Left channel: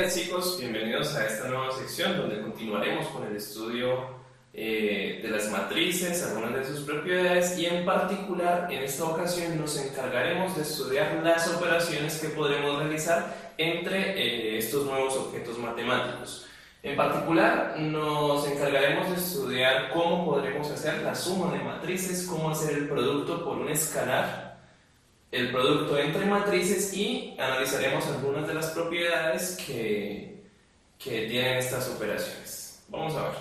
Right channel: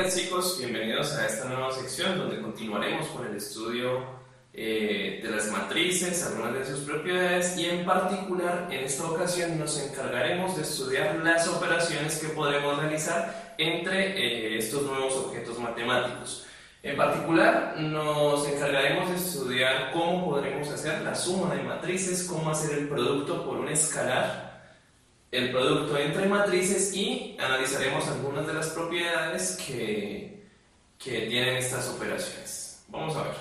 Hola chicos, bienvenidos a esta nueva sección donde continuaremos con el estudio de las matrices, algunas de sus propiedades y en particular en esta ocasión nos encargaremos de estudiar las operaciones que podremos realizar entre estos nuevos objetos matemáticos. En particular nos encargaremos de estudiar cómo podremos hacer la suma de matrices, cómo hacer el producto por un escalar, el producto entre matrices y analizaremos algunas de las propiedades que tienen estas operaciones. Vamos a ver.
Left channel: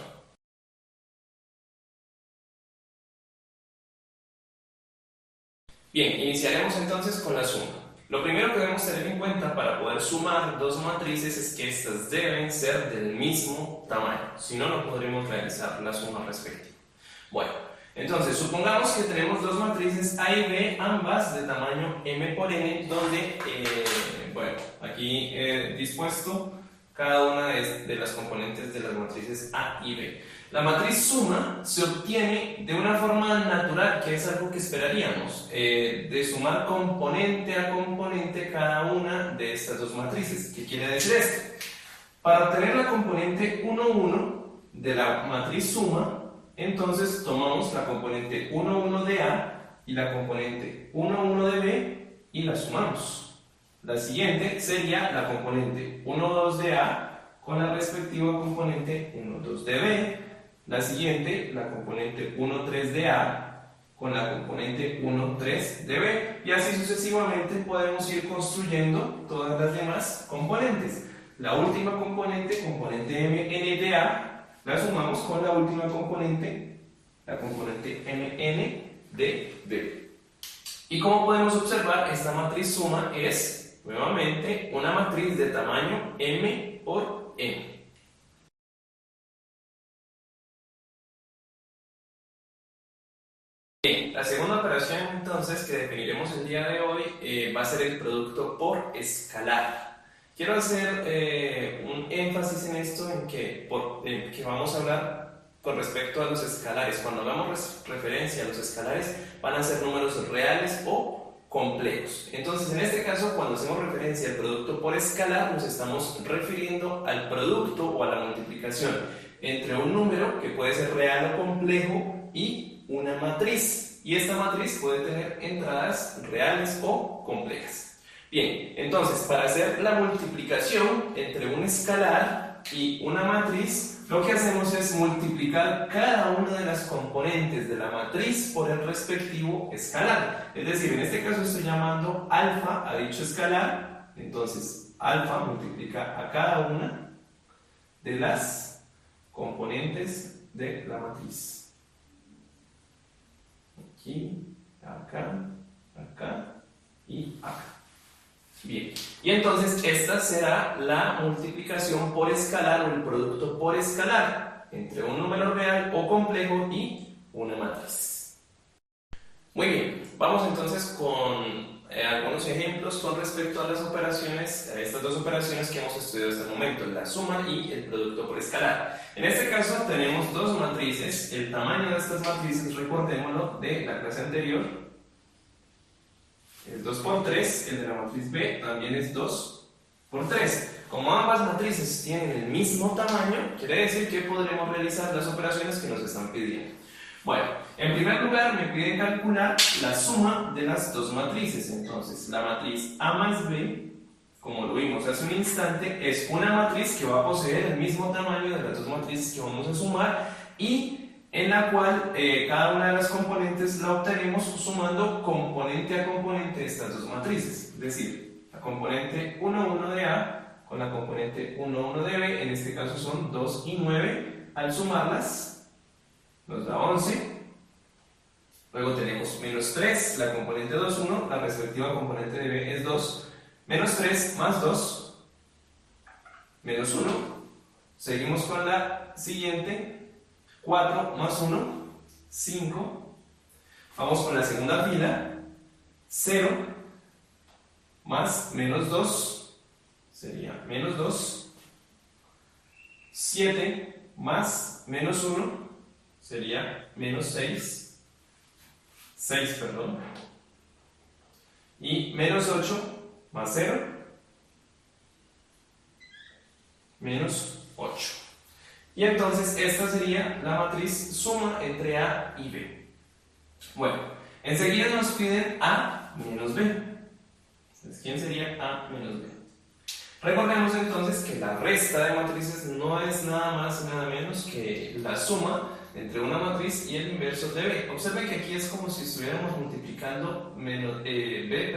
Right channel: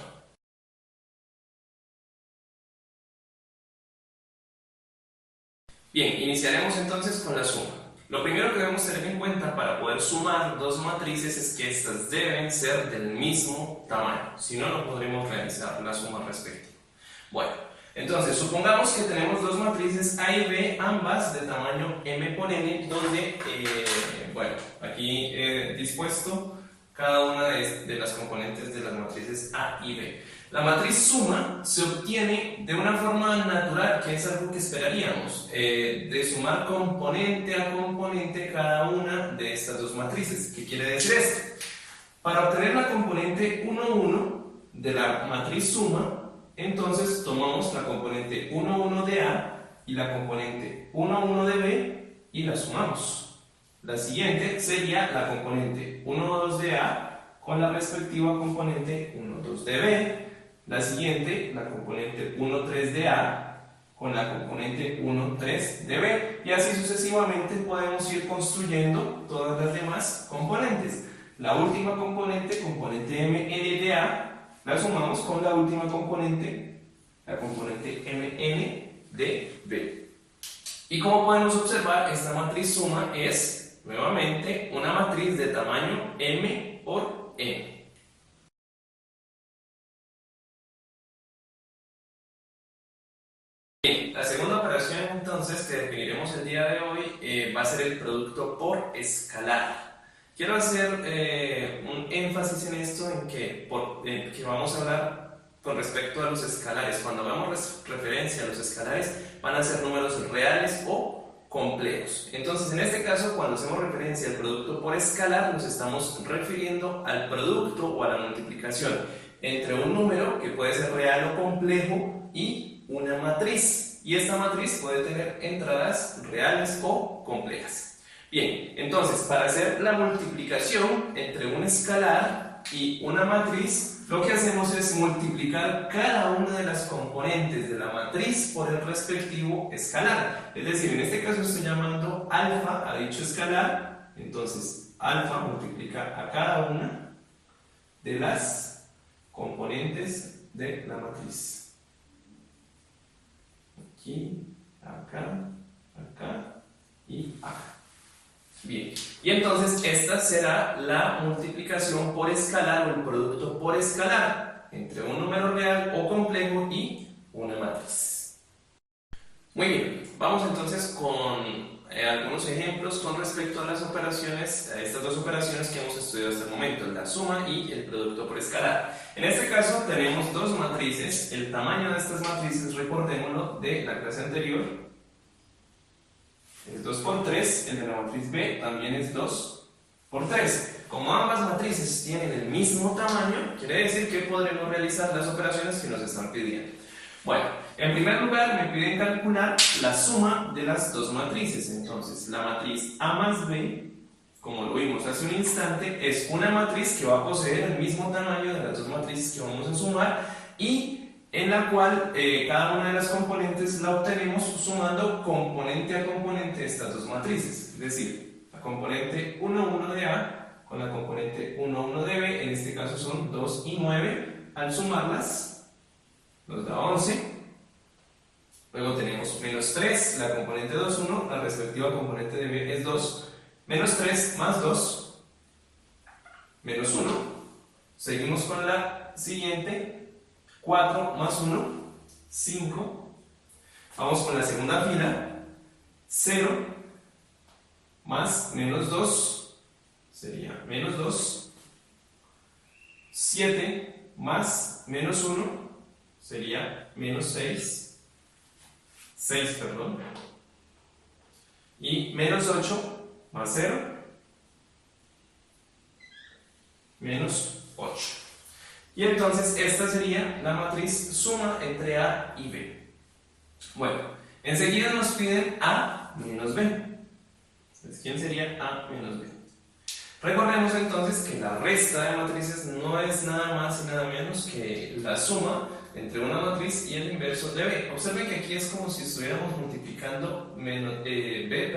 Bien, iniciaremos entonces con la suma. Lo primero que debemos tener en cuenta para poder sumar dos matrices es que estas deben ser del mismo tamaño, si no, no podremos realizar la suma respectiva. Bueno, entonces supongamos que tenemos dos matrices A y B, ambas de tamaño m por n, donde, bueno, aquí he dispuesto cada una de las componentes de las matrices A y B. La matriz suma se obtiene de una forma natural, que es algo que esperaríamos, de sumar componente a componente cada una de estas dos matrices. ¿Qué quiere decir esto? Para obtener la componente 1, 1 de la matriz suma, entonces tomamos la componente 1, 1 de A y la componente 1, 1 de B y la sumamos. La siguiente sería la componente 1, 2 de A con la respectiva componente 1, 2 de B. La siguiente, la componente 1, 3 de A con la componente 1, 3 de B. Y así sucesivamente podemos ir construyendo todas las demás componentes. La última componente, componente mn de A, la sumamos con la última componente, la componente mn de B. Y como podemos observar, esta matriz suma es, nuevamente, una matriz de tamaño m por n. Bien, la segunda operación entonces que definiremos el día de hoy va a ser el producto por escalar. Quiero hacer un énfasis en esto, en que vamos a hablar con respecto a los escalares. Cuando hagamos referencia a los escalares, van a ser números reales o complejos. Entonces, en este caso, cuando hacemos referencia al producto por escalar, nos estamos refiriendo al producto o a la multiplicación entre un número que puede ser real o complejo y una matriz, y esta matriz puede tener entradas reales o complejas. Bien, entonces para hacer la multiplicación entre un escalar y una matriz, lo que hacemos es multiplicar cada una de las componentes de la matriz por el respectivo escalar. Es decir, en este caso estoy llamando alfa a dicho escalar, entonces alfa multiplica a cada una de las componentes de la matriz. Aquí, acá, acá y acá. Bien, y entonces esta será la multiplicación por escalar o el producto por escalar entre un número real o complejo y una matriz. Muy bien, vamos entonces con algunos ejemplos con respecto a las operaciones, a estas dos operaciones que hemos estudiado hasta el momento, la suma y el producto por escalar. En este caso tenemos dos matrices, el tamaño de estas matrices, recordémoslo de la clase anterior, es 2 por 3, el de la matriz B también es 2 por 3. Como ambas matrices tienen el mismo tamaño, quiere decir que podremos realizar las operaciones que nos están pidiendo. Bueno, en primer lugar me piden calcular la suma de las dos matrices. Entonces, la matriz A más B, como lo vimos hace un instante, es una matriz que va a poseer el mismo tamaño de las dos matrices que vamos a sumar y en la cual cada una de las componentes la obtenemos sumando componente a componente de estas dos matrices. Es decir, la componente 1, 1 de A con la componente 1, 1 de B, en este caso son 2 y 9, al sumarlas nos da 11. Luego tenemos menos 3, la componente 2, 1, la respectiva componente de B es 2. Menos 3 más 2, menos 1. Seguimos con la siguiente, 4 más 1, 5. Vamos con la segunda fila, 0 más menos 2, sería menos 2. 7 más menos 1, sería menos 6. 6, perdón. Y menos 8 más 0. menos 8. Y entonces esta sería la matriz suma entre A y B. Bueno, enseguida nos piden A menos B. Entonces, ¿quién sería A menos B? Recordemos entonces que la resta de matrices no es nada más y nada menos que la suma entre una matriz y el inverso de B. Observen que aquí es como si estuviéramos multiplicando B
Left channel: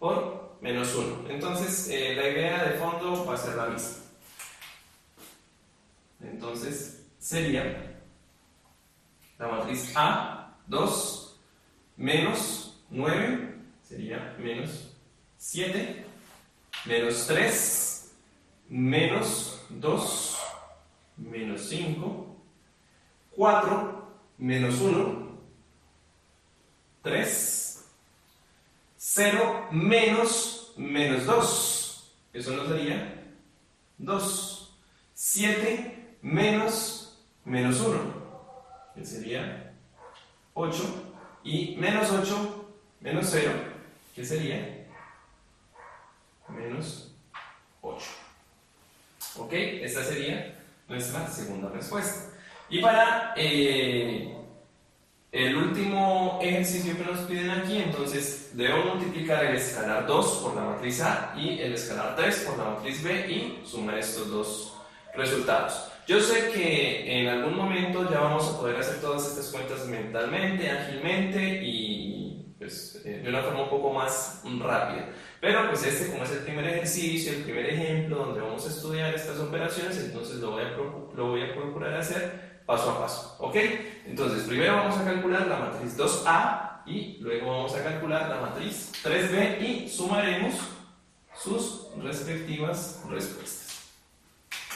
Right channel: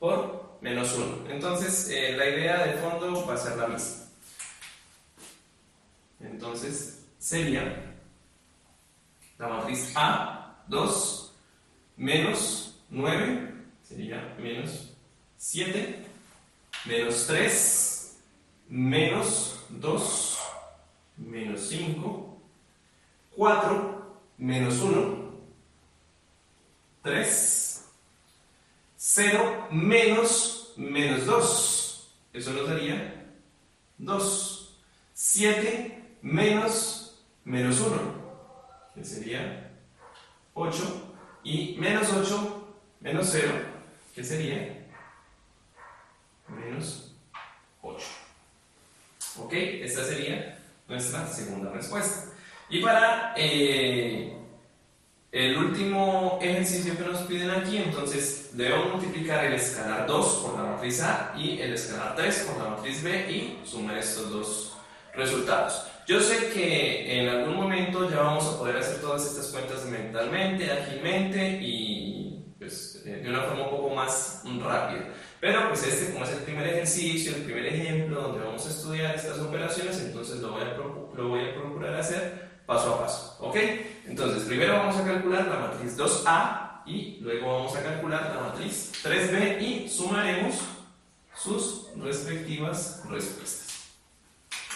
por menos 1. Entonces la idea de fondo va a ser la misma. Entonces sería la matriz A, 2, menos 9, sería menos 7, menos 3, menos 2, menos 5, 4, menos 1, 3, 0, menos 2. Eso nos daría 2. 7, menos 1, que sería 8. Y menos 8, menos 0, que sería menos 8. Ok, esta sería nuestra segunda respuesta. Y para el último ejercicio que nos piden aquí, entonces debemos multiplicar el escalar 2 por la matriz A y el escalar 3 por la matriz B y sumar estos dos resultados. Yo sé que en algún momento ya vamos a poder hacer todas estas cuentas mentalmente, ágilmente y pues, de una forma un poco más rápida. Pero pues como es el primer ejercicio, el primer ejemplo donde vamos a estudiar estas operaciones, entonces lo voy a procurar hacer paso a paso. ¿Ok? Entonces primero vamos a calcular la matriz 2A y luego vamos a calcular la matriz 3B y sumaremos sus respectivas respuestas.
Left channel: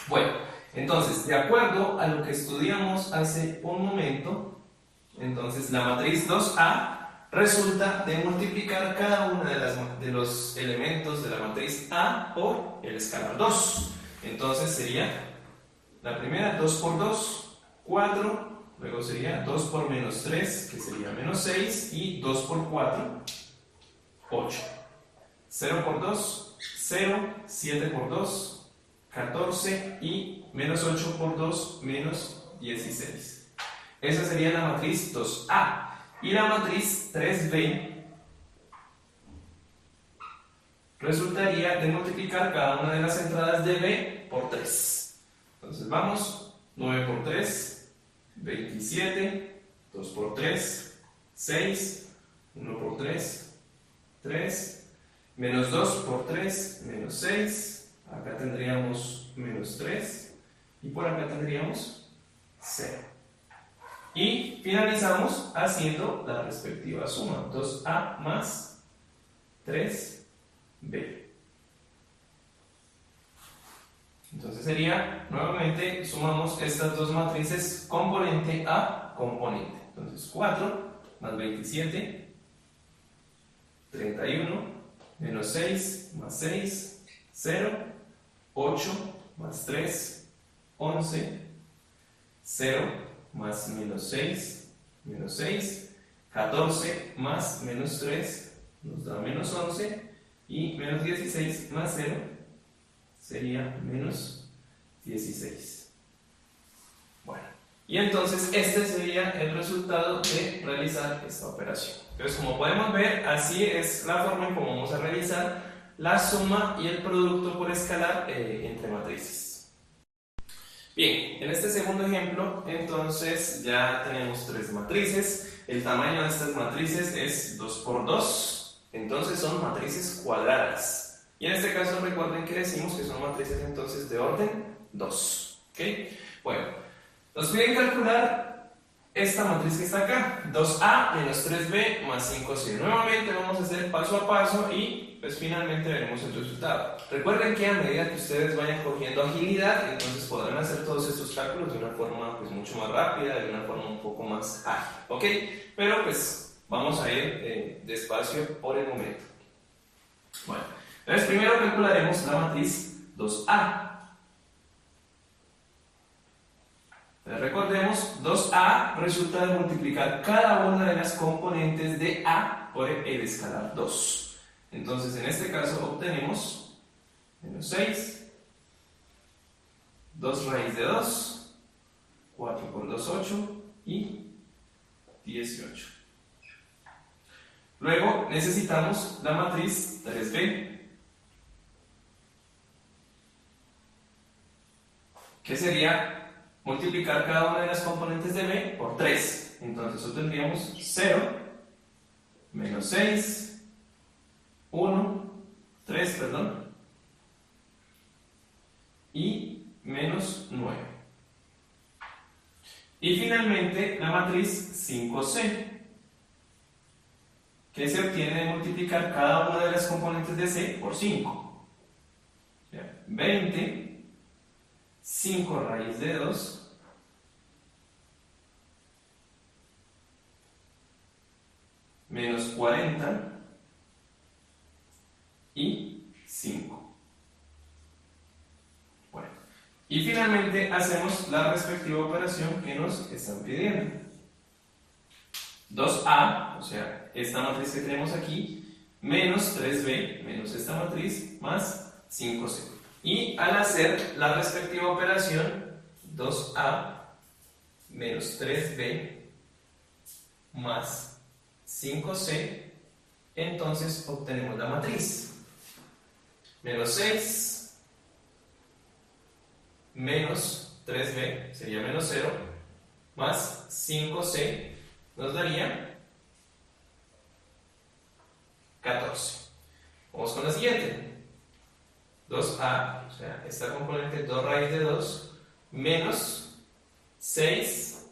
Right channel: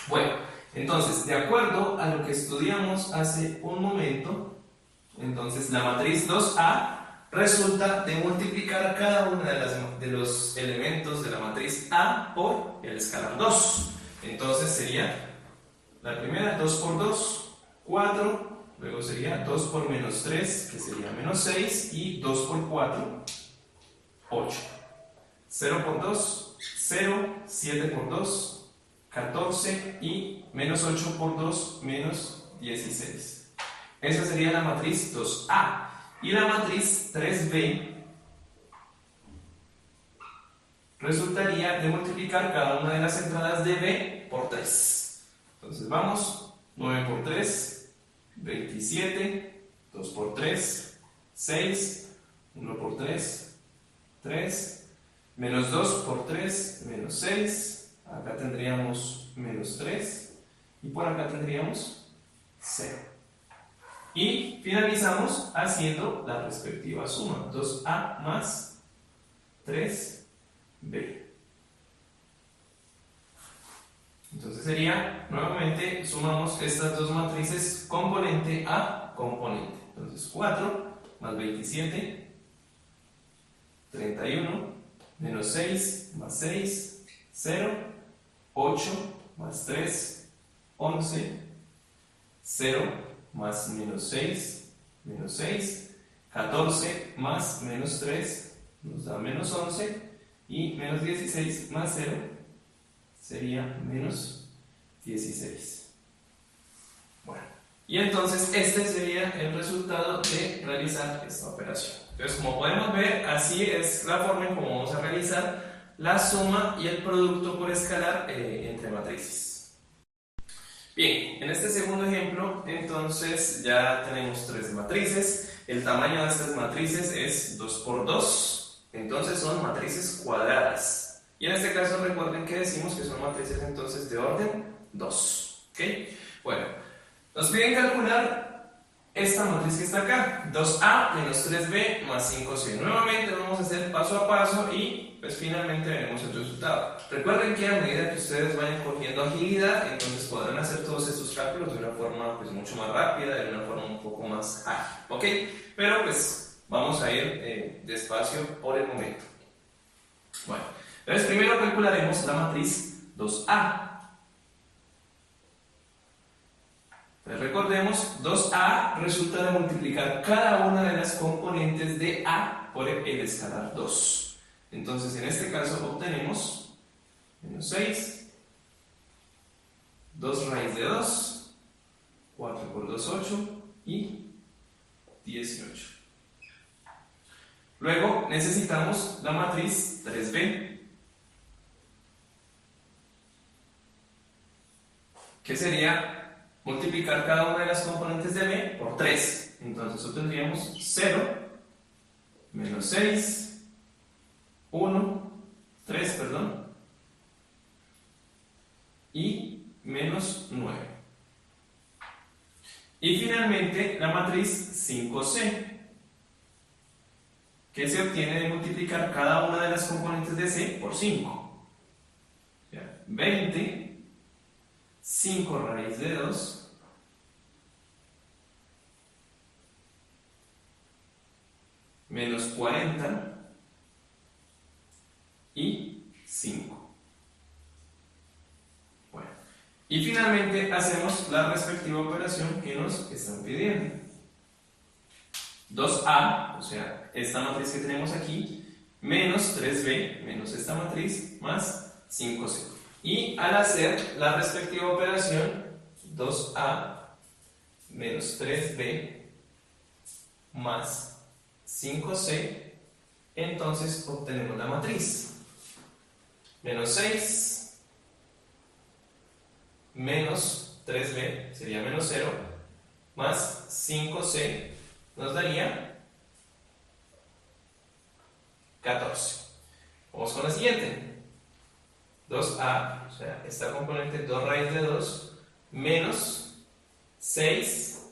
Bueno, entonces, de acuerdo a lo que estudiamos hace un momento, entonces la matriz 2A resulta de multiplicar cada uno de los elementos de la matriz A por el escalar 2. Entonces sería la primera 2 por 2, 4, luego sería 2 por menos 3, que sería menos 6, y 2 por 4, 8. 0 por 2, 0, 7 por 2, 14 y menos 8 por 2, menos 16. Esa sería la matriz 2A. Y la matriz 3B resultaría de multiplicar cada una de las entradas de B por 3. Entonces vamos, 9 por 3, 27, 2 por 3, 6, 1 por 3, 3, menos 2 por 3, menos 6, acá tendríamos menos 3 y por acá tendríamos 0. Y finalizamos haciendo la respectiva suma, 2A más 3B. Entonces sería, nuevamente, sumamos estas dos matrices componente a componente. Entonces 4 más 27, 31, menos 6 más 6, 0, 8 más 3, 11, 0 más menos 6, 14 más menos 3 nos da menos 11 y menos 16 más 0 sería menos 16. Bueno, y entonces este sería el resultado de realizar esta operación. Entonces, como podemos ver, así es la forma en cómo vamos a realizar la suma y el producto por escalar entre matrices. Bien, en este segundo ejemplo, entonces ya tenemos tres matrices. El tamaño de estas matrices es 2 por 2, entonces son matrices cuadradas. Y en este caso recuerden que decimos que son matrices entonces de orden 2. ¿Ok? Bueno, nos piden calcular esta matriz que está acá, 2A menos 3B más 5C. Nuevamente vamos a hacer paso a paso y pues finalmente veremos el resultado. Recuerden que a medida que ustedes vayan cogiendo agilidad, entonces podrán hacer todos estos cálculos de una forma pues mucho más rápida, de una forma un poco más ágil. ¿Ok? Pero pues vamos a ir despacio por el momento. Bueno, entonces primero calcularemos la matriz 2A. Recordemos, 2A resulta de multiplicar cada una de las componentes de A por el escalar 2. Entonces, en este caso obtenemos menos 6, 2 raíz de 2, 4 por 2, 8 y 18. Luego necesitamos la matriz 3b, que sería multiplicar cada una de las componentes de b por 3. Entonces obtendríamos 0, menos 6, 1, 3, perdón, y menos 9. Y finalmente la matriz 5c, que se obtiene de multiplicar cada una de las componentes de c por 5. 20, 5 raíz de 2, menos 40 y 5. Bueno, y finalmente hacemos la respectiva operación que nos están pidiendo. 2a, o sea, esta matriz que tenemos aquí, menos 3b, menos esta matriz, más 5c. Y al hacer la respectiva operación, 2a menos 3b más 5c, entonces obtenemos la matriz. Menos 6 menos 3b sería menos 0, más 5c nos daría 14. Vamos con la siguiente. 2a, o sea, esta componente 2 raíz de 2, menos 6,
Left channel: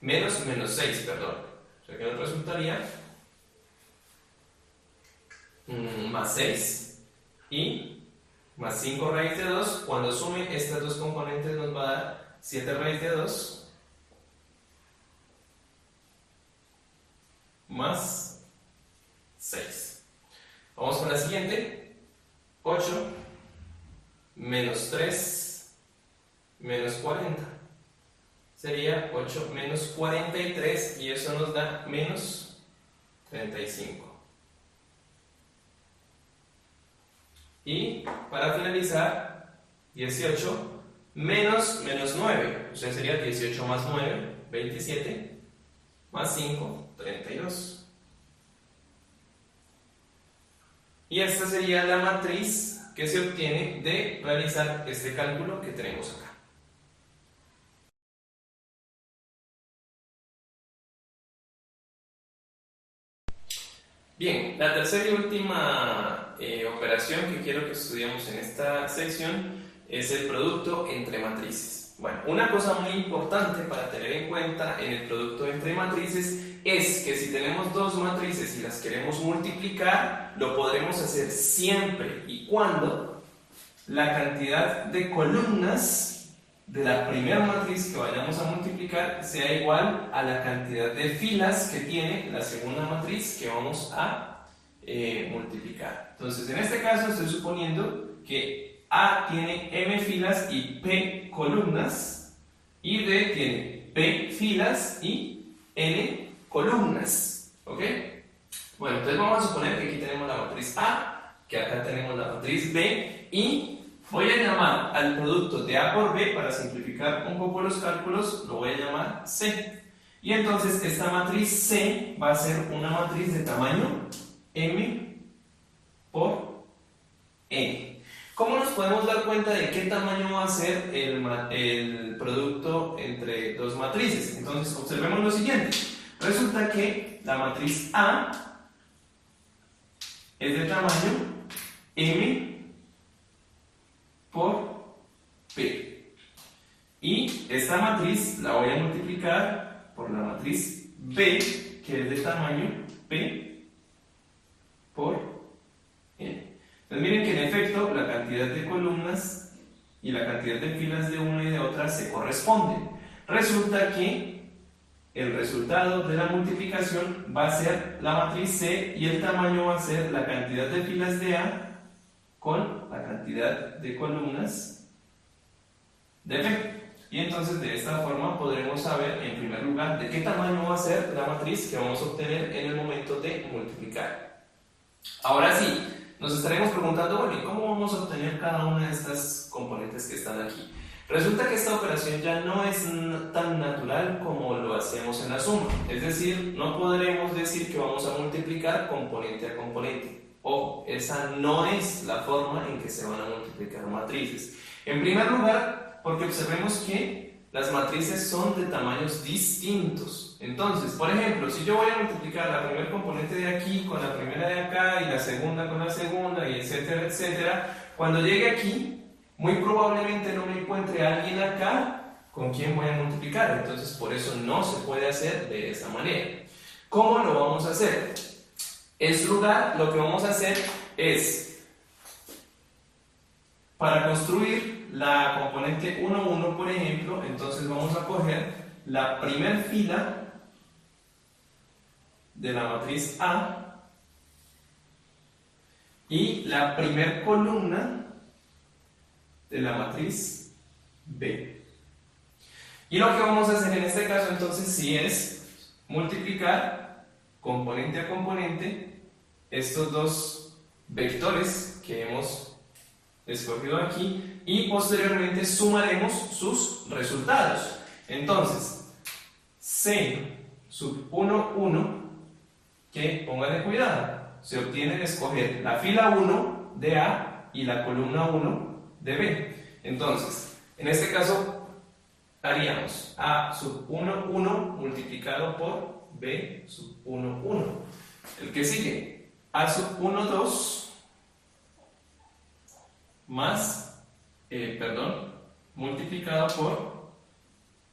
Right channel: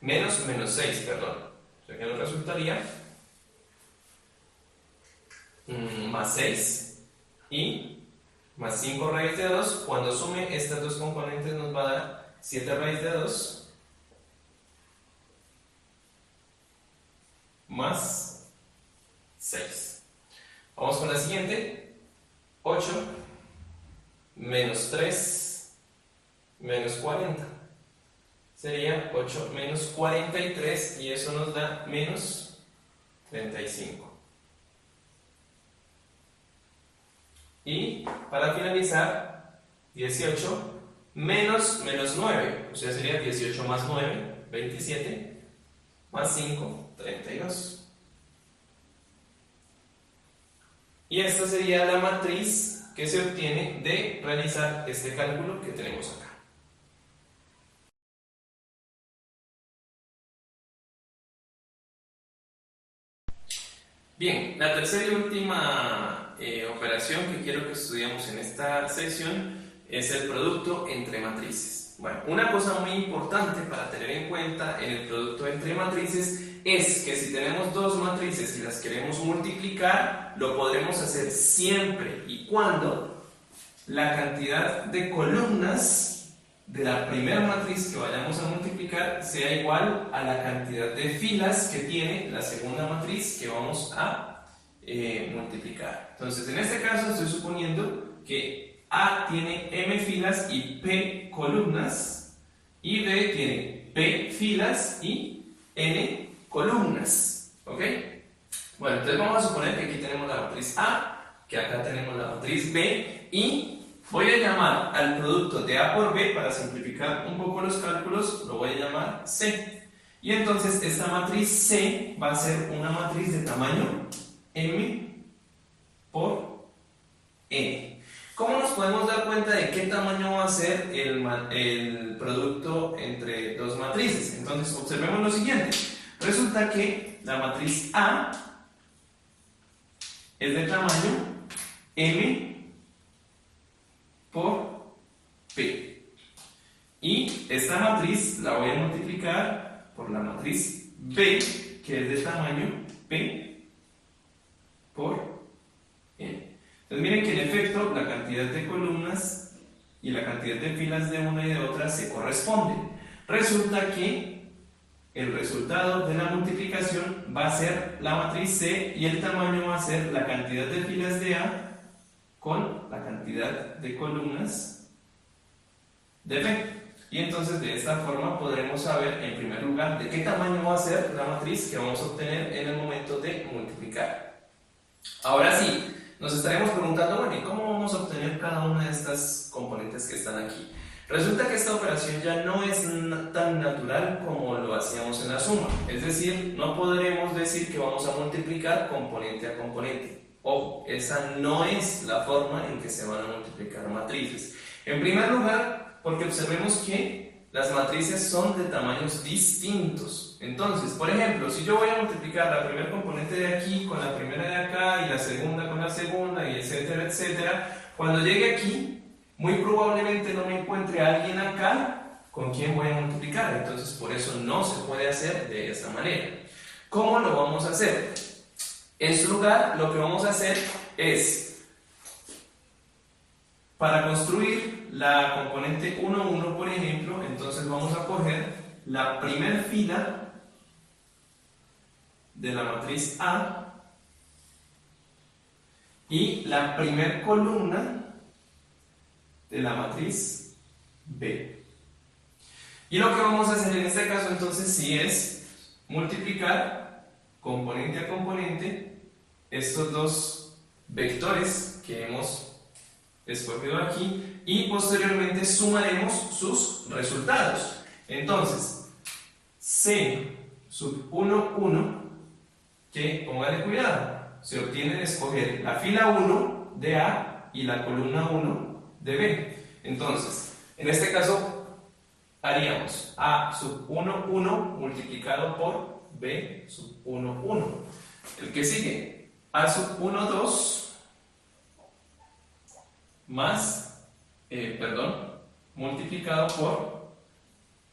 menos 6, perdón. O sea que nos resultaría más 6 y más 5 raíz de 2. Cuando sume estas dos componentes nos va a dar 7 raíz de 2 más 6. Vamos con la siguiente. 8 menos 3 menos 40 sería 8 menos 43 y eso nos da menos 35. Y para finalizar, 18 menos 9, o sea sería 18 más 9, 27, más 5, 32. Y esta sería la matriz que se obtiene de realizar este cálculo que tenemos acá. Bien, la tercera y última operación que quiero que estudiemos en esta sección es el producto entre matrices. Bueno, una cosa muy importante para tener en cuenta en el producto entre matrices es que si tenemos dos matrices y las queremos multiplicar, lo podremos hacer siempre y cuando la cantidad de columnas de la primera matriz que vayamos a multiplicar sea igual a la cantidad de filas que tiene la segunda matriz que vamos a multiplicar. Entonces, en este caso estoy suponiendo que A tiene m filas y p columnas, y D tiene p filas y n columnas. ¿Ok? Bueno, entonces vamos a suponer que aquí tenemos la matriz A, que acá tenemos la matriz B, y voy a llamar al producto de A por B, para simplificar un poco los cálculos, lo voy a llamar C. Y entonces esta matriz C va a ser una matriz de tamaño M por N. ¿Cómo nos podemos dar cuenta de qué tamaño va a ser el producto entre dos matrices? Entonces observemos lo siguiente. Resulta que la matriz A es de tamaño M por P. Y esta matriz la voy a multiplicar por la matriz B, que es de tamaño P por N. Entonces miren que en efecto la cantidad de columnas y la cantidad de filas de una y de otra se corresponden. Resulta que el resultado de la multiplicación va a ser la matriz C y el tamaño va a ser la cantidad de filas de A con la cantidad de columnas de B. Y entonces de esta forma podremos saber en primer lugar de qué tamaño va a ser la matriz que vamos a obtener en el momento de multiplicar. Ahora sí, Nos estaremos preguntando, bueno, ¿y cómo vamos a obtener cada una de estas componentes que están aquí? Resulta que esta operación ya no es tan natural como lo hacíamos en la suma, es decir, no podremos decir que vamos a multiplicar componente a componente. Ojo, esa no es la forma en que se van a multiplicar matrices. En primer lugar, porque observemos que las matrices son de tamaños distintos. Entonces, por ejemplo, si yo voy a multiplicar la primera componente de aquí con la primera de acá y la segunda con la segunda y etcétera, etcétera, cuando llegue aquí, muy probablemente no me encuentre a alguien acá con quien voy a multiplicar. Entonces, por eso no se puede hacer de esa manera. ¿Cómo lo vamos a hacer? En su lugar, lo que vamos a hacer es, para construir la componente 1, 1, por ejemplo, entonces vamos a coger la primera fila de la matriz A y la primera columna de la matriz B. Y lo que vamos a hacer en este caso entonces sí es multiplicar componente a componente estos dos vectores que hemos escogido aquí y posteriormente sumaremos sus resultados. Entonces, C sub 1, 1, que póngale cuidado, se obtiene de escoger la fila 1 de A y la columna 1 de B. Entonces, en este caso haríamos A sub 1, 1 multiplicado por B sub 1, 1. El que sigue, A sub 1, 2 más, multiplicado por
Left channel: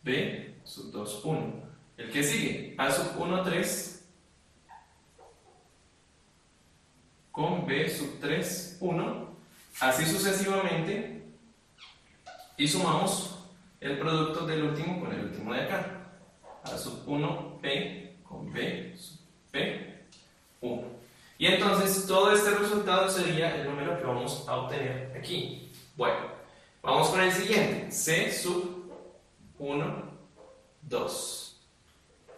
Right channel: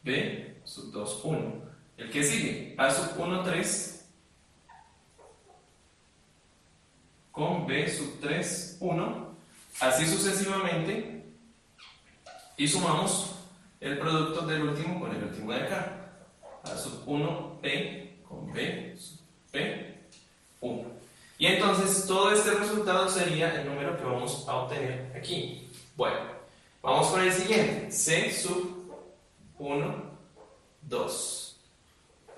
B sub 2, 1. El que sigue, A sub 1, 3 con B sub 3, 1. Así sucesivamente, y sumamos el producto del último con el último de acá. A sub 1 P con B sub P 1. Y entonces todo este resultado sería el número que vamos a obtener aquí. Bueno, vamos con el siguiente. C sub 1, 2.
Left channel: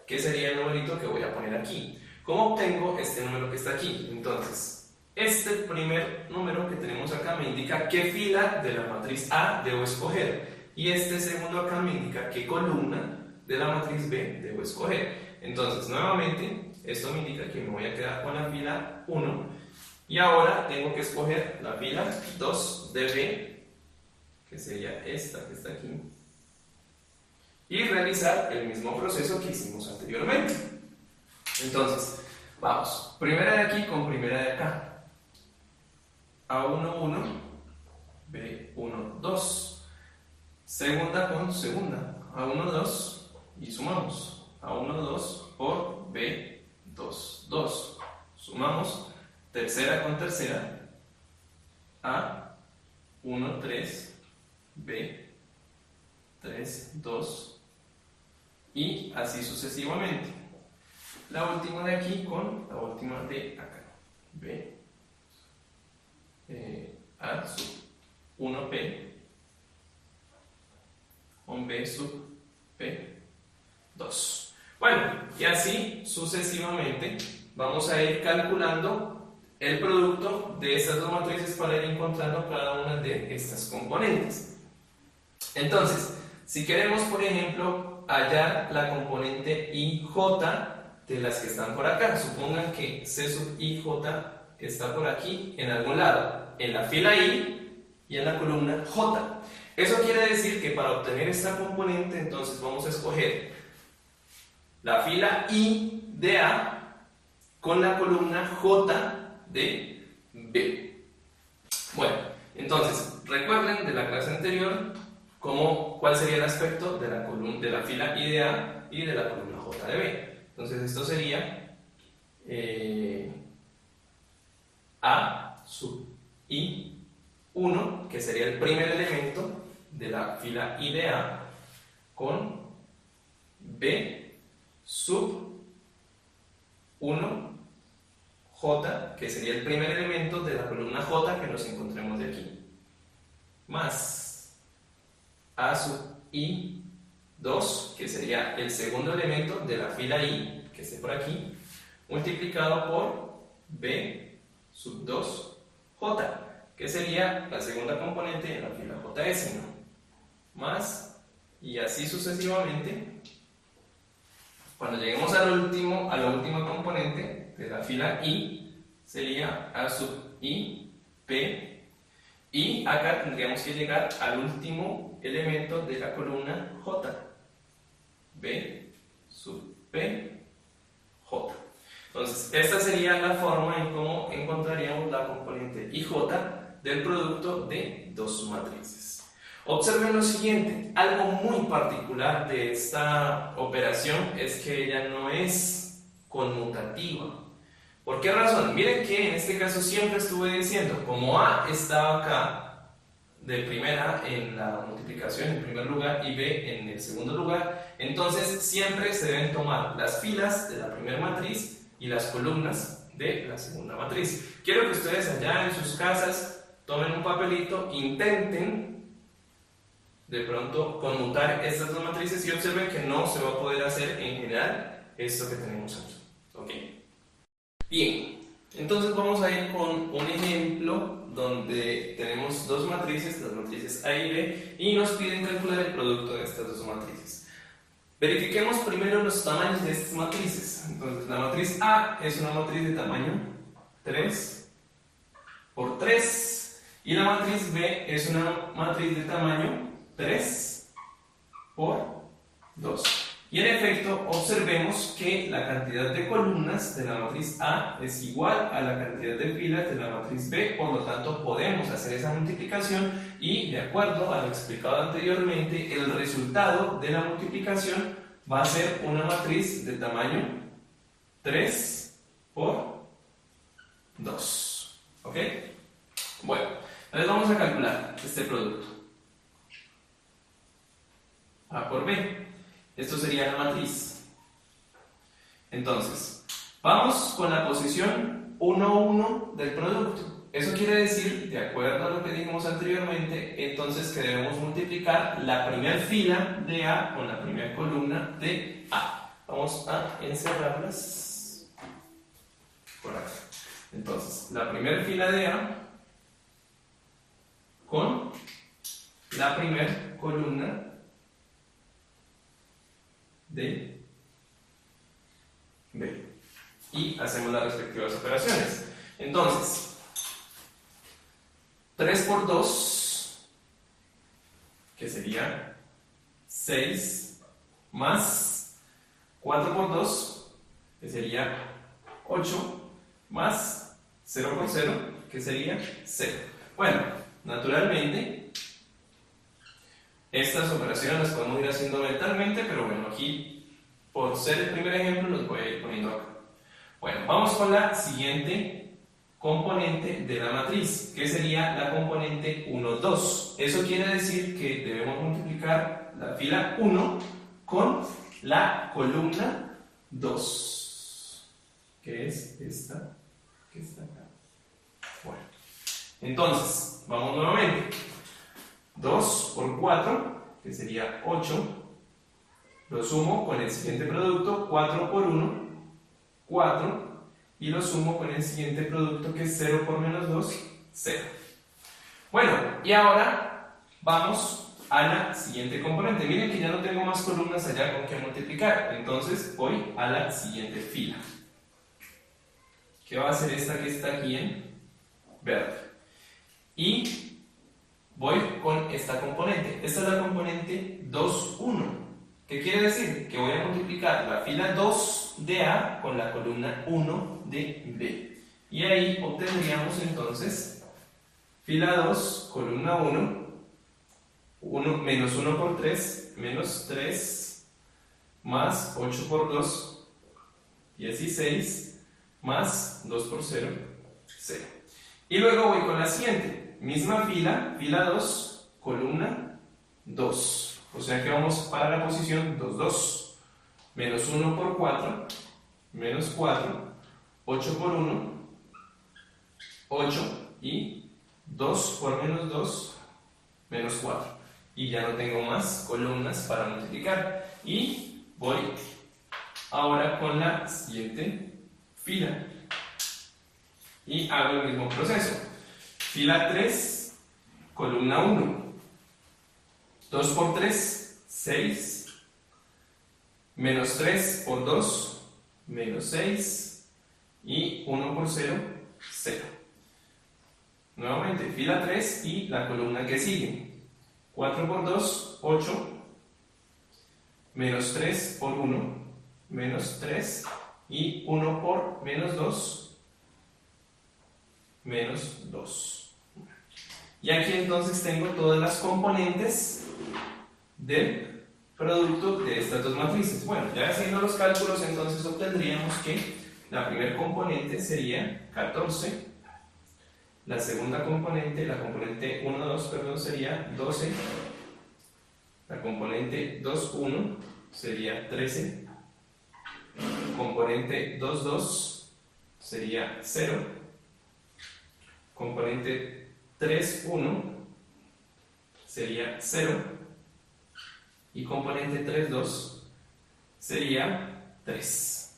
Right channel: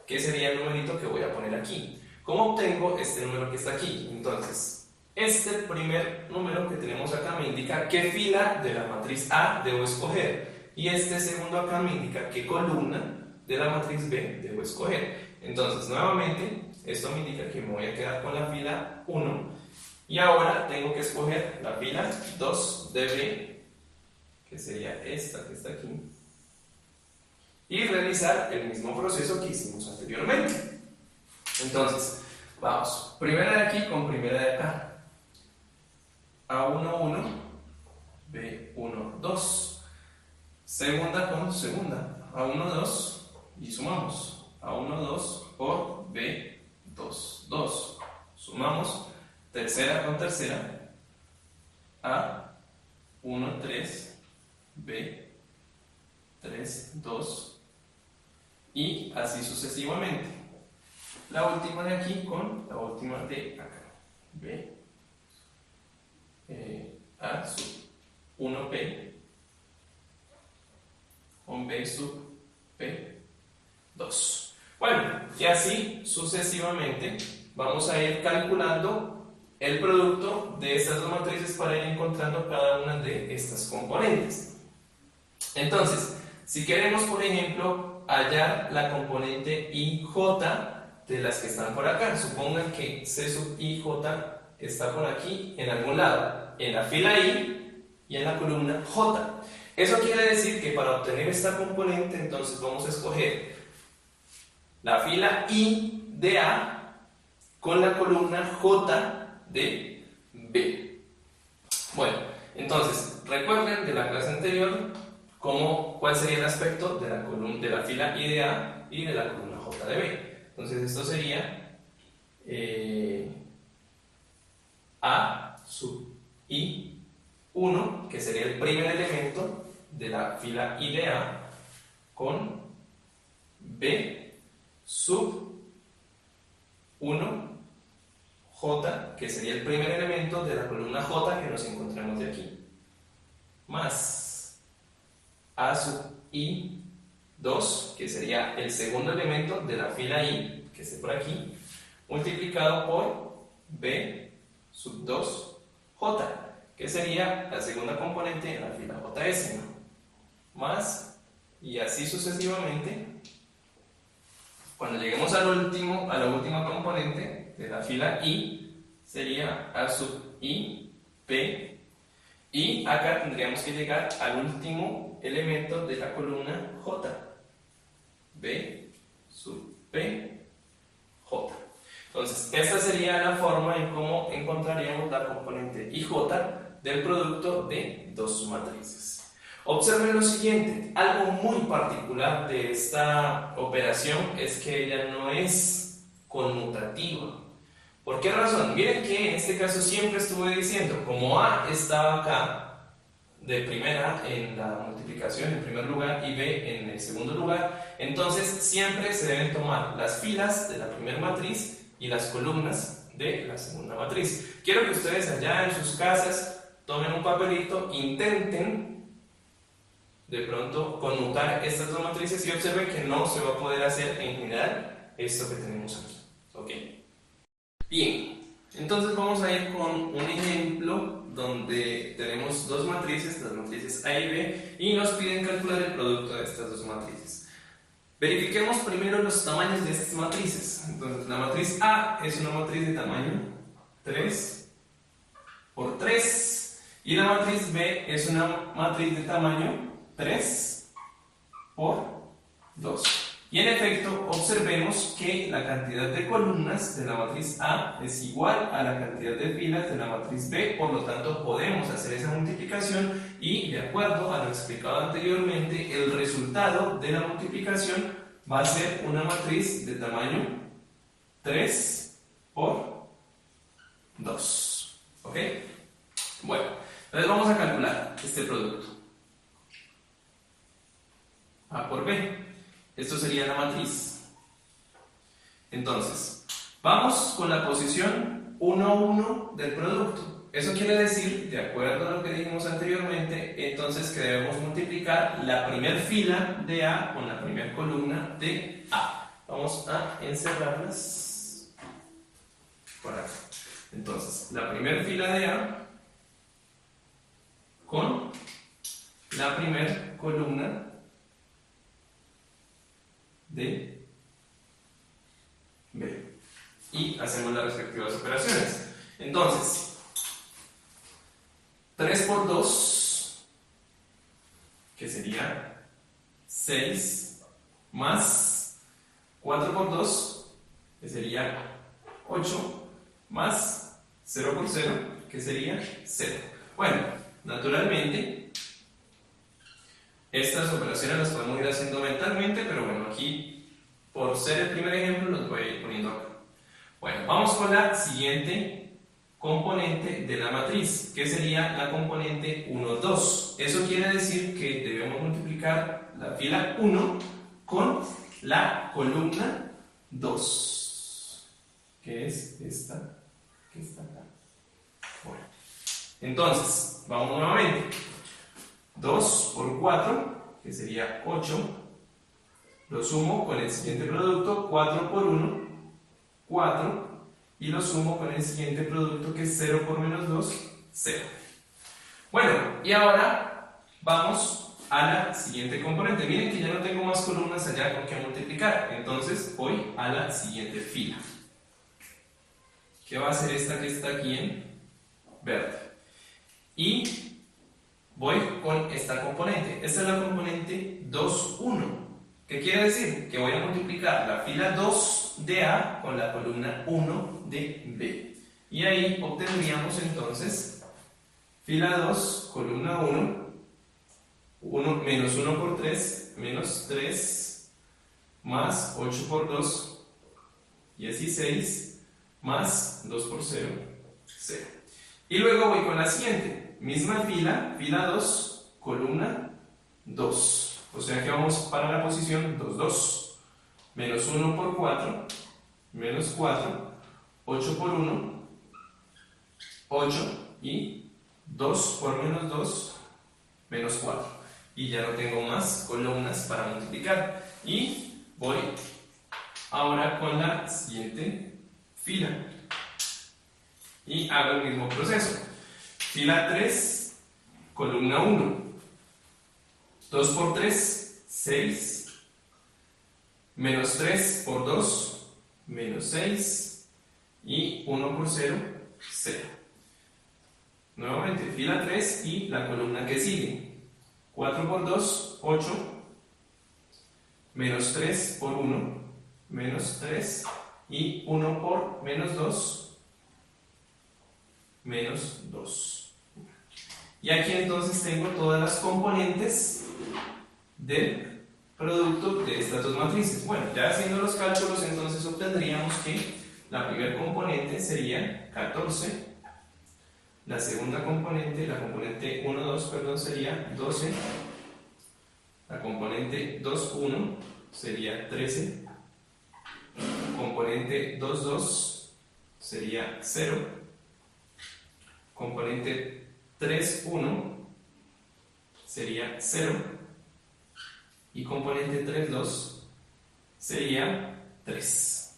¿Qué sería el numerito que voy a poner aquí? ¿Cómo obtengo este número que está aquí? Entonces, este primer número que tenemos acá me indica qué fila de la matriz A debo escoger y este segundo acá me indica qué columna de la matriz B debo escoger. Entonces, nuevamente, esto me indica que me voy a quedar con la fila 1 y ahora tengo que escoger la fila 2 de B, que sería esta que está aquí, y realizar el mismo proceso que hicimos anteriormente. Entonces, vamos, primera de aquí con primera de acá. A1, 1, B1, 2. Segunda con segunda. A1, 2 y sumamos. A1, 2 por B2, 2. Sumamos. Tercera con tercera. A1, 3, B3, 2 y así sucesivamente. La última de aquí con la última de acá. B. A sub 1P con B sub P2. Bueno, y así sucesivamente vamos a ir calculando el producto de estas dos matrices para ir encontrando cada una de estas componentes. Entonces, si queremos, por ejemplo, hallar la componente IJ de las que están por acá, supongan que C sub IJ está por aquí en algún lado, en la fila I y en la columna J. Eso quiere decir que para obtener esta componente, entonces vamos a escoger la fila I de A con la columna J de B. Bueno, entonces, recuerden de la clase anterior cuál sería el aspecto de la fila I de A y de la columna J de B. Entonces, esto sería A sub I1, que sería el primer elemento de la fila I de A, con B sub 1 J, que sería el primer elemento de la columna J que nos encontremos de aquí, más A sub I2, que sería el segundo elemento de la fila I, que esté por aquí, multiplicado por B sub 2 J, que sería la segunda componente en la fila JS, ¿no? Más, y así sucesivamente. Cuando lleguemos a la última componente de la fila I, sería A sub I, P, y acá tendríamos que llegar al último elemento de la columna J, B sub P, J. Entonces, esta sería la forma en cómo encontraríamos la componente IJ del producto de dos matrices. Observen lo siguiente, algo muy particular de esta operación es que ella no es conmutativa. ¿Por qué razón? Miren que en este caso siempre estuve diciendo, como A estaba acá de primera en la multiplicación en primer lugar y B en el segundo lugar, entonces siempre se deben tomar las filas de la primera matriz y las columnas de la segunda matriz. Quiero que ustedes allá en sus casas tomen un papelito, intenten de pronto conmutar estas dos matrices y observen que no se va a poder hacer en general esto que tenemos aquí. ¿Ok? Bien, entonces vamos a ir con un ejemplo donde tenemos dos matrices, las matrices A y B, y nos piden calcular el producto de estas dos matrices. Verifiquemos primero los tamaños de estas matrices. Entonces, la matriz A es una matriz de tamaño 3 por 3 y la matriz B es una matriz de tamaño 3 por 2. Y en efecto, observemos que la cantidad de columnas de la matriz A es igual a la cantidad de filas de la matriz B, por lo tanto podemos hacer esa multiplicación y, de acuerdo a lo explicado anteriormente, el resultado de la multiplicación va a ser una matriz de tamaño 3 por 2. ¿Ok? Bueno, entonces vamos a calcular este producto. A por B. Esto sería la matriz. Entonces, vamos con la posición 1, 1 del producto. Eso quiere decir, de acuerdo a lo que dijimos anteriormente, entonces que debemos multiplicar la primera fila de A con la primera columna de A. Vamos a encerrarlas por acá. Entonces, la primera fila de A con la primera columna de B. Y hacemos las respectivas operaciones. Entonces, 3 por 2, que sería 6, más 4 por 2, que sería 8, más 0 por 0, que sería 0. Bueno, naturalmente, estas operaciones las podemos ir haciendo mentalmente, pero bueno, aquí, por ser el primer ejemplo, los voy a ir poniendo acá. Bueno, vamos con la siguiente componente de la matriz, que sería la componente 1, 2. Eso quiere decir que debemos multiplicar la fila 1 con la columna 2, que es esta que está acá. Bueno, entonces, vamos nuevamente. 2 por 4, que sería 8, lo sumo con el siguiente producto, 4 por 1, 4, y lo sumo con el siguiente producto, que es 0 por menos 2, 0. Bueno, y ahora vamos a la siguiente componente. Miren que ya no tengo más columnas allá con que multiplicar, entonces voy a la siguiente fila, que va a ser esta que está aquí en verde. Y voy con esta componente. Esta es la componente 2, 1. ¿Qué quiere decir? Que voy a multiplicar la fila 2 de A con la columna 1 de B. Y ahí obtendríamos entonces fila 2, columna 1, menos 1 por 3, menos 3, más 8 por 2, y así 6, más 2 por 0, 0. Y luego voy con la siguiente. Misma fila, fila 2, columna 2. O sea que vamos para la posición 2, 2. Menos 1 por 4, menos 4, 8 por 1, 8, y 2 por menos 2, menos 4. Y ya no tengo más columnas para multiplicar. Y voy ahora con la siguiente fila. Y hago el mismo proceso. fila 3, columna 1. 2 por 3, 6. Menos 3 por 2, menos 6. Y 1 por 0, 0. Nuevamente, fila 3 y la columna que sigue. 4 por 2, 8. Menos 3 por 1, menos 3. Y 1 por menos 2, menos 2. Y aquí entonces tengo todas las componentes del producto de estas dos matrices. Bueno, ya haciendo los cálculos, entonces obtendríamos que la primera componente sería 14. La segunda componente, la componente 1, 2, perdón, sería 12. La componente 2, 1 sería 13. Componente 2, 2 sería 0. Componente 3, 1 sería 0. Y componente 3, 2 sería 3.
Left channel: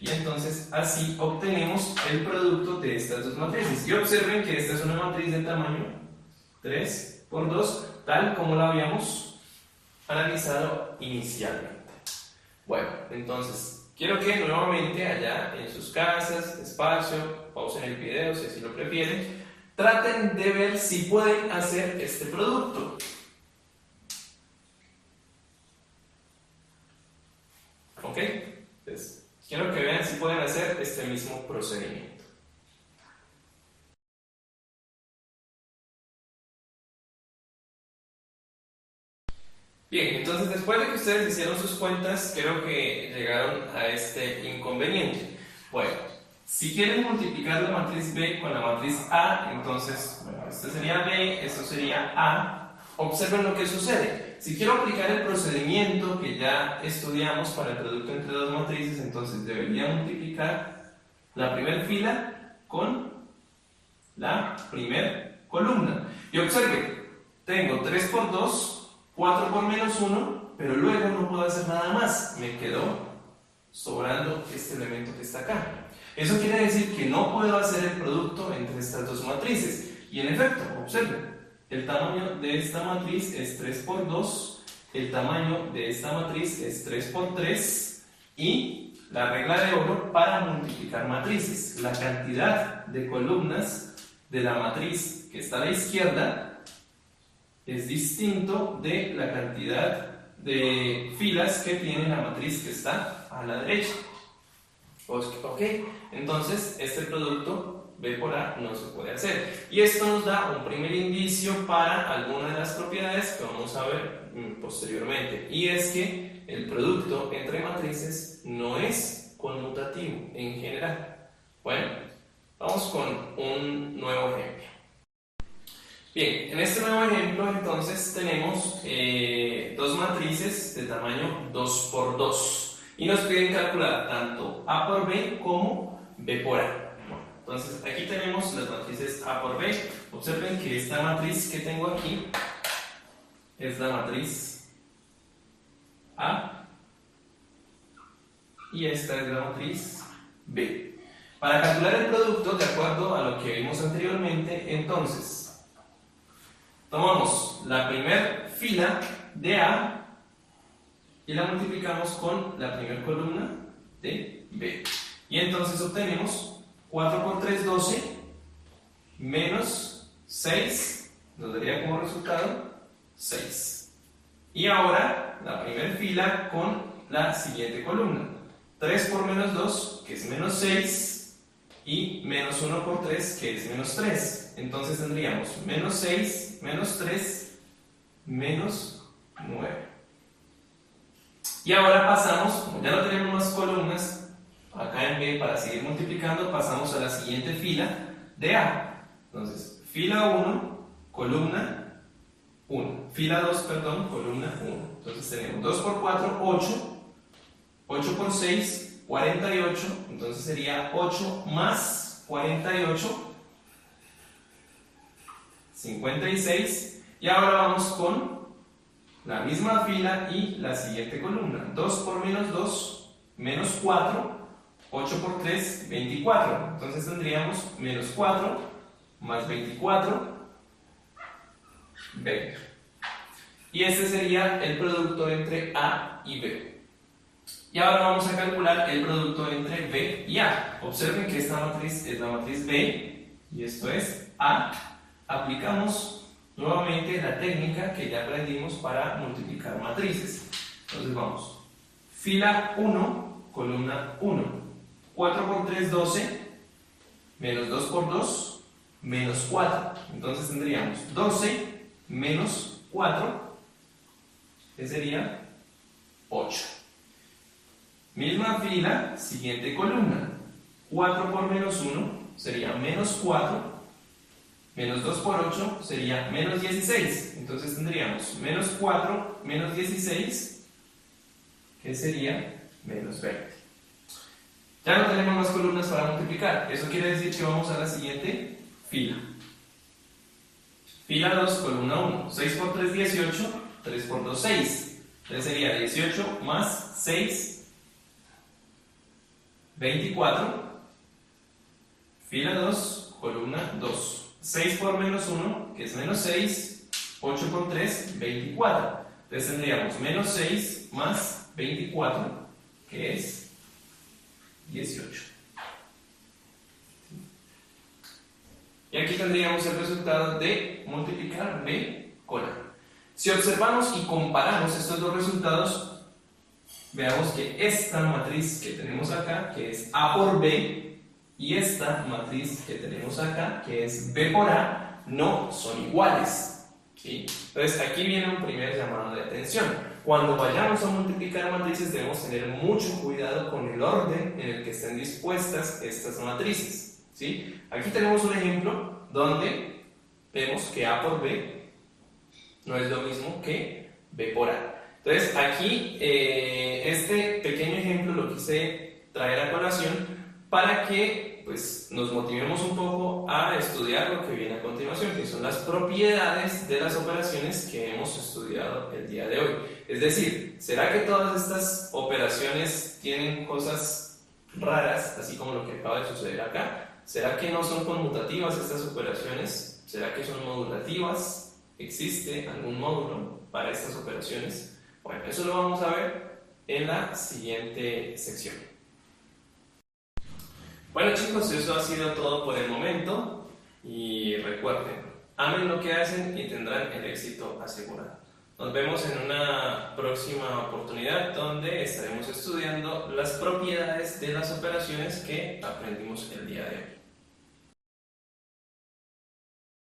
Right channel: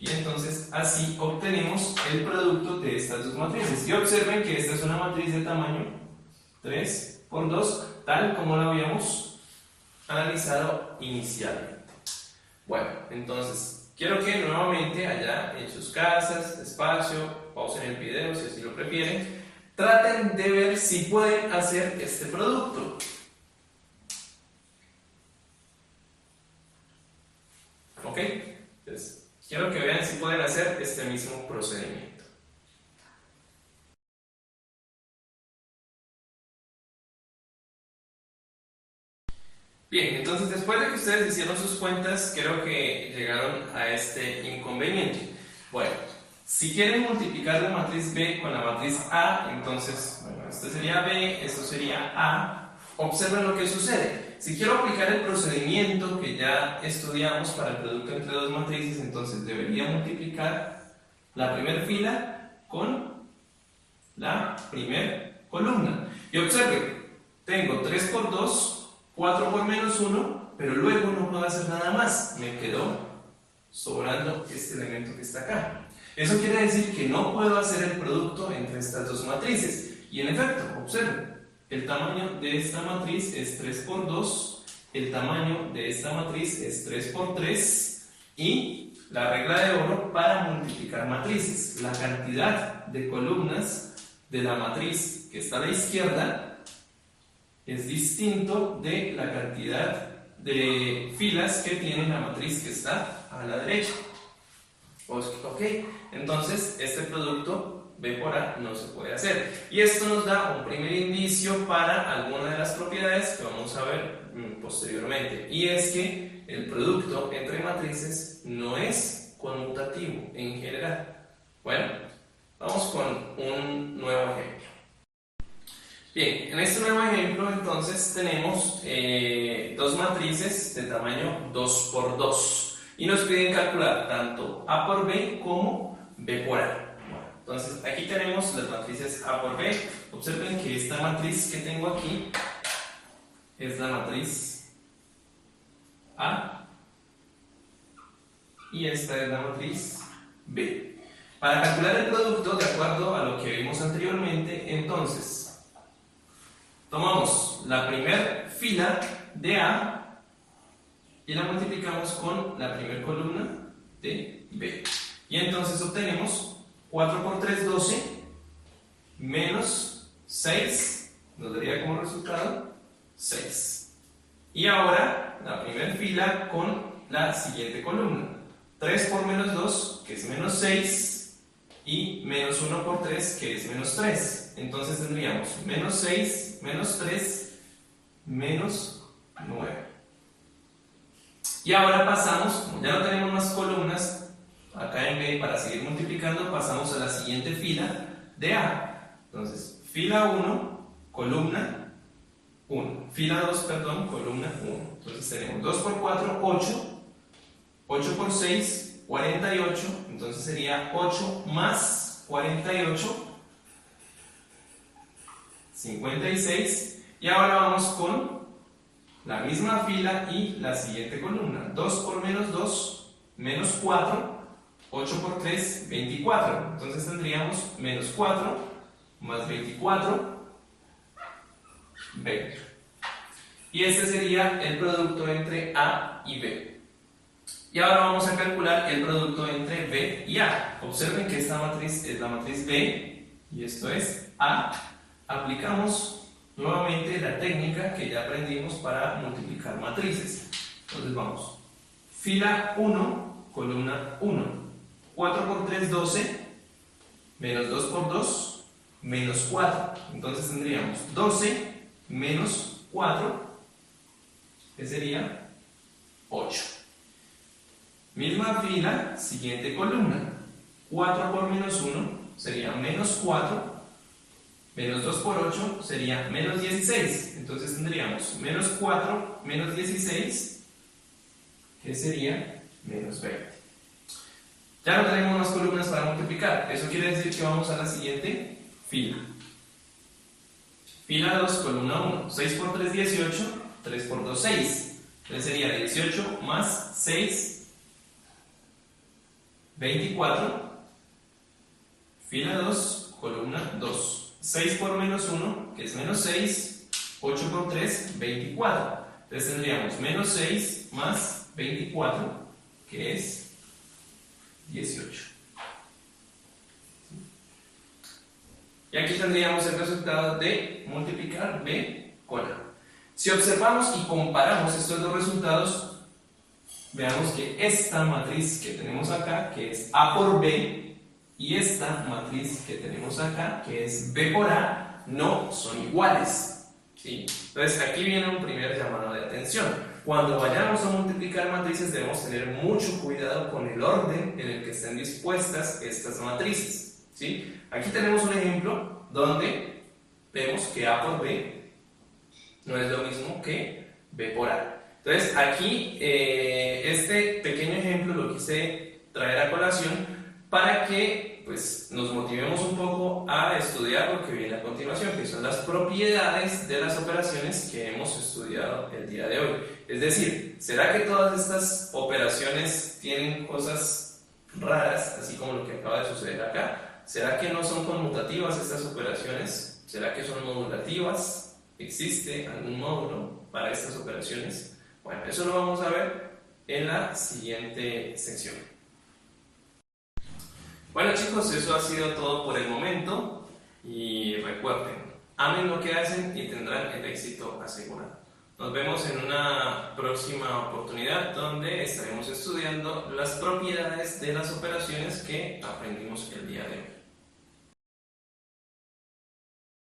Y entonces así obtenemos el producto de estas dos matrices. Y observen que esta es una matriz de tamaño 3 por 2, tal como la habíamos analizado inicialmente. Bueno, entonces quiero que nuevamente allá en sus casas, despacio, pausen el video si así lo prefieren, traten de ver si pueden hacer este producto. ¿Ok? Entonces, quiero que vean si pueden hacer este mismo procedimiento. Bien, entonces después de que ustedes hicieron sus cuentas, creo que llegaron a este inconveniente. Bueno, si quieren multiplicar la matriz B con la matriz A, entonces, bueno, esto sería B, esto sería A. Observen lo que sucede. Si quiero aplicar el procedimiento que ya estudiamos para el producto entre dos matrices, entonces debería multiplicar la primera fila con la primera columna. Y observen, tengo 3 por 2, 4 por menos 1, pero luego no puedo hacer nada más. Me quedó sobrando este elemento que está acá. Eso quiere decir que no puedo hacer el producto entre estas dos matrices. Y en efecto, observen, el tamaño de esta matriz es 3 por 2, el tamaño de esta matriz es 3 por 3, y la regla de oro para multiplicar matrices, la cantidad de columnas de la matriz que está a la izquierda es distinto de la cantidad de filas que tiene la matriz que está a la derecha. Ok, entonces este producto B por A no se puede hacer. Y esto nos da un primer indicio para alguna de las propiedades que vamos a ver posteriormente. Y es que el producto entre matrices no es conmutativo en general. Bueno, vamos con un nuevo ejemplo. Bien, en este nuevo ejemplo entonces tenemos dos matrices de tamaño 2 por 2 y nos piden calcular tanto A por B como B por A. Bueno, entonces aquí tenemos las matrices A por B. Observen que esta matriz que tengo aquí es la matriz A y esta es la matriz B. Para calcular el producto, de acuerdo a lo que vimos anteriormente, entonces tomamos la primera fila de A y la multiplicamos con la primera columna de B. Y entonces obtenemos 4 por 3, 12, menos 6, nos daría como resultado 6. Y ahora la primera fila con la siguiente columna. 3 por menos 2, que es menos 6, y menos 1 por 3, que es menos 3. Entonces tendríamos menos 6, menos 3, menos 9. Y ahora pasamos, como ya no tenemos más columnas acá en B para seguir multiplicando, pasamos a la siguiente fila de A. Entonces, fila 1, columna 1. Fila 2, perdón, columna 1. Entonces tenemos 2 por 4, 8. 8 por 6, 48. Entonces sería 8 más 48, 56. Y ahora vamos con la misma fila y la siguiente columna. 2 por menos 2, menos 4. 8 por 3, 24. Entonces tendríamos menos 4 más 24, 20. Y este sería el producto entre A y B. Y ahora vamos a calcular el producto entre B y A. Observen que esta matriz es la matriz B y esto es A. Aplicamos nuevamente la técnica que ya aprendimos para multiplicar matrices. Entonces vamos. Fila 1, columna 1. 4 por 3, 12. Menos 2 por 2, menos 4. Entonces tendríamos 12 menos 4, que sería 8. Misma fila, siguiente columna. 4 por menos 1 sería menos 4. Menos 2 por 8 sería menos 16. Entonces tendríamos menos 4 menos 16, que sería menos 20. Ya no tenemos más columnas para multiplicar. Eso quiere decir que vamos a la siguiente fila. Fila 2, columna 1. 6 por 3, 18. 3 por 2, 6. Entonces sería 18 más 6, 24. Fila 2, columna 2. 6 por menos 1, que es menos 6. 8 por 3, 24. Entonces tendríamos menos 6 más 24, que es 18. Y aquí tendríamos el resultado de multiplicar B con A. Si observamos y comparamos estos dos resultados, veamos que esta matriz que tenemos acá, que es A por B, y esta matriz que tenemos acá, que es B por A, no son iguales, ¿sí? Entonces aquí viene un primer llamado de atención. Cuando vayamos a multiplicar matrices debemos tener mucho cuidado con el orden en el que estén dispuestas estas matrices, ¿sí? Aquí tenemos un ejemplo donde vemos que A por B no es lo mismo que B por A. Entonces aquí este pequeño ejemplo lo quise traer a colación para que pues, nos motivemos un poco a estudiar lo que viene a continuación, que son las propiedades de las operaciones que hemos estudiado el día de hoy. Es decir, ¿será que todas estas operaciones tienen cosas raras, así como lo que acaba de suceder acá? ¿Será que no son conmutativas estas operaciones? ¿Será que son modulativas? ¿Existe algún módulo para estas operaciones? Bueno, eso lo vamos a ver en la siguiente sección. Bueno chicos, eso ha sido todo por el momento y recuerden, amen lo que hacen y tendrán el éxito asegurado. Nos vemos en una próxima oportunidad donde estaremos estudiando las propiedades de las operaciones que aprendimos el día de hoy.